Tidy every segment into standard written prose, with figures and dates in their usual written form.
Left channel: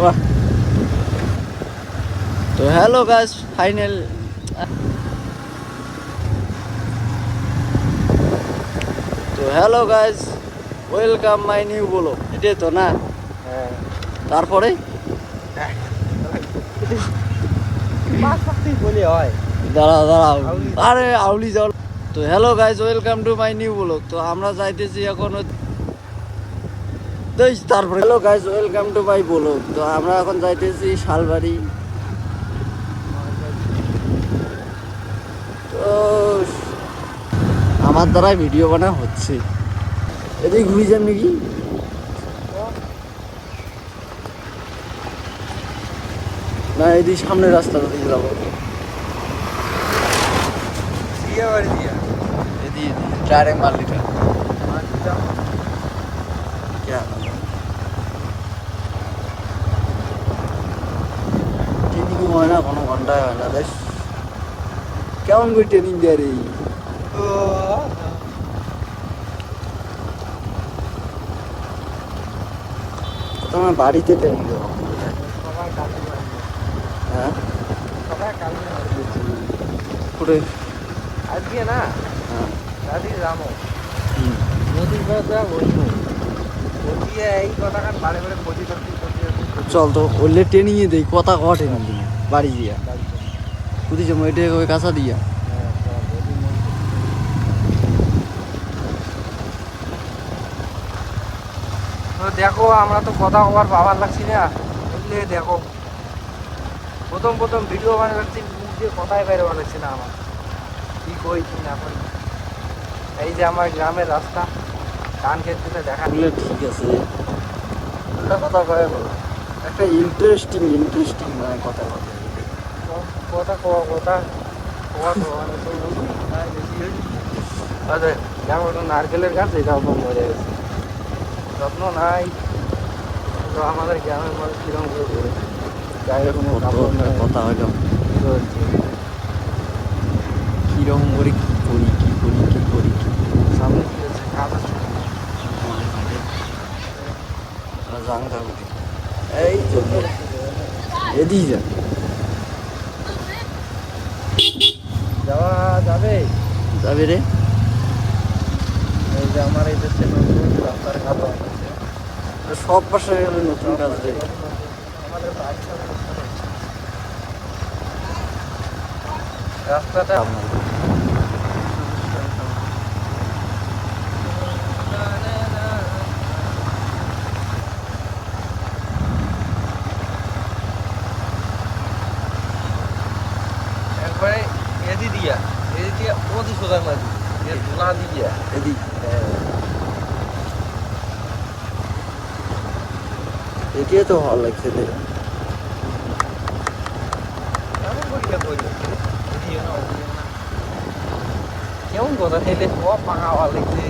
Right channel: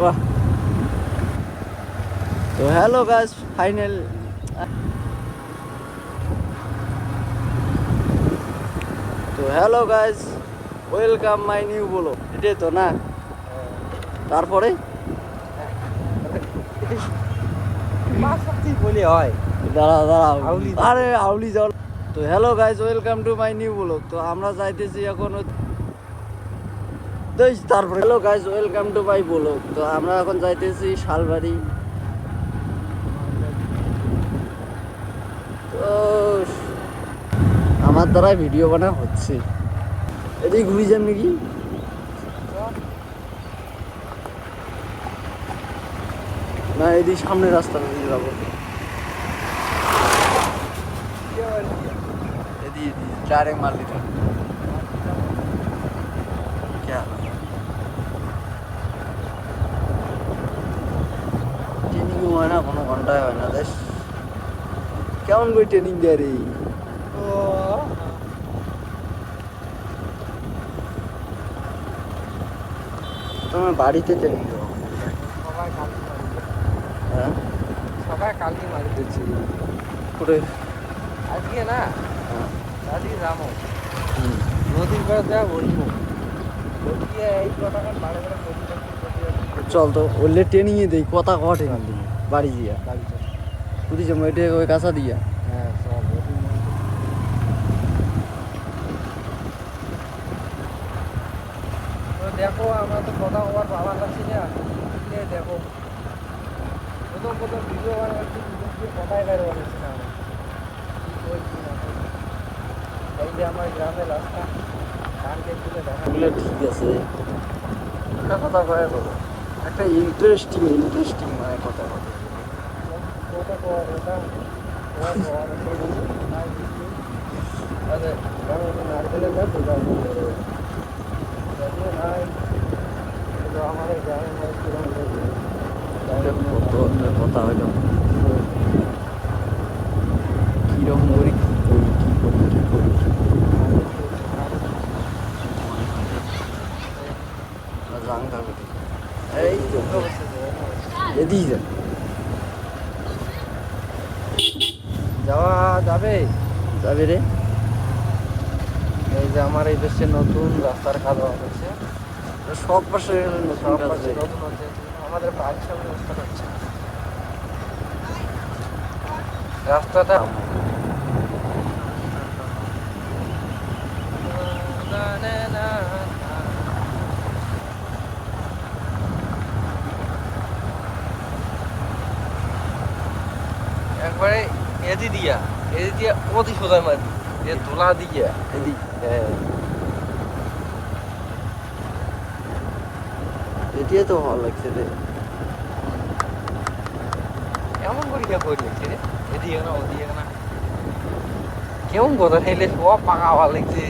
বাহ। তো hello guys, final. তো hello guys, welcome my new বলো, এটাই তো না? তারপরে দাঁড়াও দাঁড়াও, আরে আউলি যাও। তো hello guys, welcome to my new blog. তো আমরা যাইতেছি এখন তারপরে hello guys, welcome to my blog. তো আমরা এখন যাইতেছি শালবাড়ি। তো আমার দ্বারা ভিডিও বানা হচ্ছে, এদিকে ঘুরে যান নাকি? না, এদিকে সামনের রাস্তাটা দিয়ে যাবো। এদিকে ডাইরেক্ট মারলিটা ট্রেনিং হয় না, কোনো ঘন্টায় হয় না। দেখ কেমন করে ট্রেনিং দেয় রে। তোমার বাড়িতে ট্রেনিং দেওয়া হ্যাঁ করে আজকে না হ্যাঁ আজকে জানো হুম নদীর পর যা বলবো বলবি এই কথাটা কানে করে ক্ষতি চল তো ওইলে ট্রেনিংয়ে দেই, কথা কওয়া ট্রেনিং দিই বাড়ি দিয়া বুঝি যাবো এটা ওই কাঁচা দিয়া। দেখো আমরা তো কথা কবার পাওয়ার লাগছি না, বুঝলে? দেখো প্রথম প্রথম ভিডিও বানাচ্ছি, নিজে কথাই বের বানাচ্ছি না আমার কি কই কি না কই। এই যে আমার গ্রামের রাস্তা, ধান ক্ষেত তুলে দেখা বললে ঠিক আছে, একটা কথা কয়ে বলো, একটা ইন্টারেস্টিং মানে কথা কথা কথা কথা যেমন নারকেলের গাছ, এটাও কম হয়ে গেছে, যত্ন নাই। তো আমাদের গ্রামের মানুষ কিরকম কত একটা কথা হইল, কিরকম করে কি করি কি করি কি করি কি জানতে হবে। এই চলবে এদিকে যা যাবে যাবে রে। এই যে আমার এই দেশে নতুন রাস্তার কথা হচ্ছে, সব পাশে নতুন কাজ রে। রাস্তাটা একবারে এদি দিয়া অতি সোজা মাঝি ধোলা দিয়া এদিক এটিয়ে তো ভালো লাগছে রে। কেমন বোঝা খেলে সব পাকা হওয়া লাগছে।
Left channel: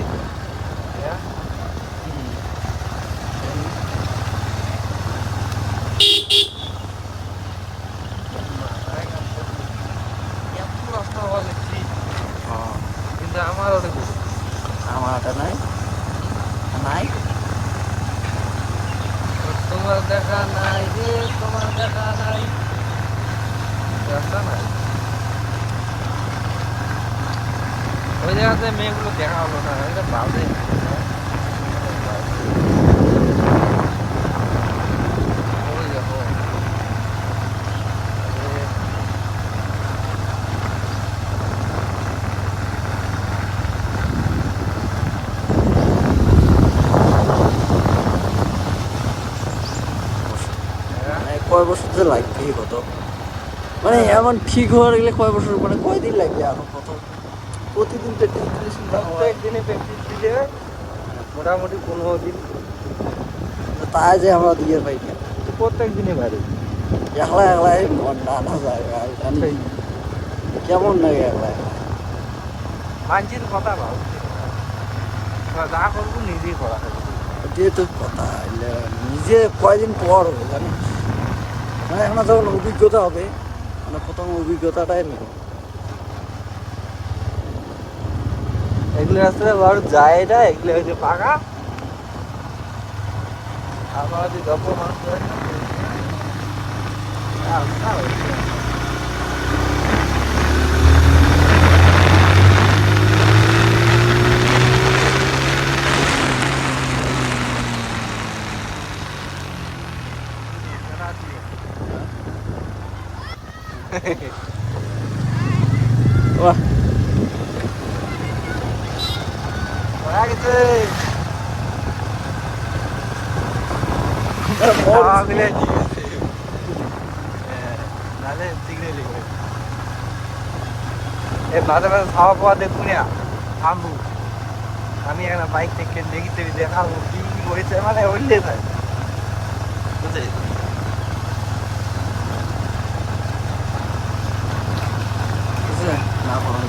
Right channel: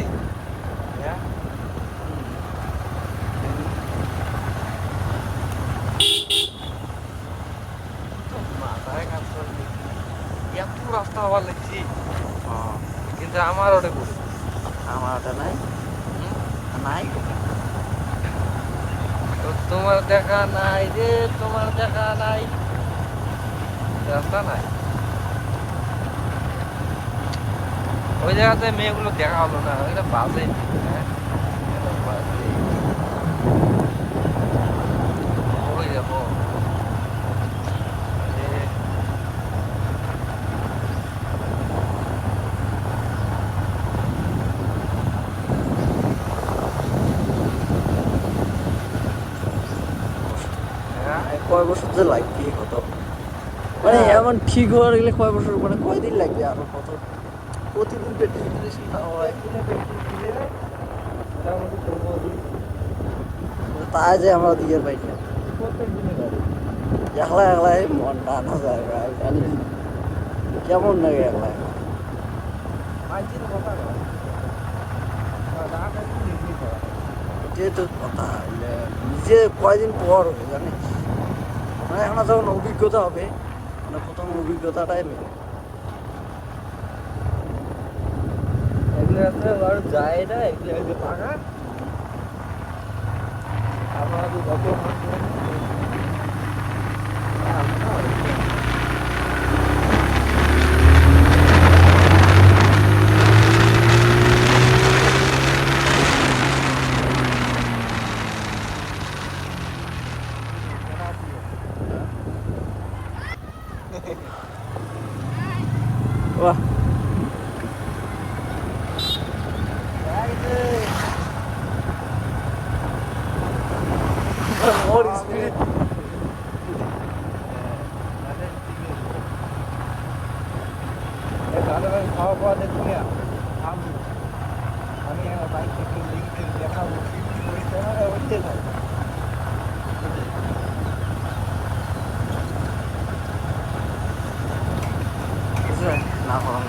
এত রাস্তা হওয়া লাগছে, কিন্তু আমার ওটা করবো আমার ওটা নাই নাই তোমার দেখা নাই রে, তোমার দেখা নাই, রাস্তা নাই। ওই জায়গাতে মেয়েগুলো দেখা হবে না, এটা বাজে। ওই দেখো মানে কয় বছর যে লাগবে কত, মানে এমন ঠিক হওয়ার গেলে কয় বছর, মানে কয়দিন লাগবে আরো কত? প্রতিদিন প্র্যাকটিস দিলে চিন্তা হয়। একদিনে প্র্যাকটিস দিলে মোটামুটি 15 দিন, তাই যে আমরা দিয়ে পাই না প্রত্যেক দিনে গাড়ি। একলা একলাই মন না যায় আর জানি কেমন লাগে একলা একলা। মানছির কথা না, যা করবো নিজেই করা। এটাই তো কথা, নিজে কয়দিন পর হবে জানিস, মানে এখন যখন অভিজ্ঞতা হবে, মানে প্রথম অভিজ্ঞতাটাই নেই। এগুলো রাস্তাতে বড় যায় না, এগুলো হচ্ছে পাকা। আমরা যদি 10 মানুষ বাহ মোর স্পিড খাওয়া খাওয়া দেখুন থামবো আমি একটা বাইক থেকে লেগে দেখাবো কি করেছে মানে উল্টে যায় না করা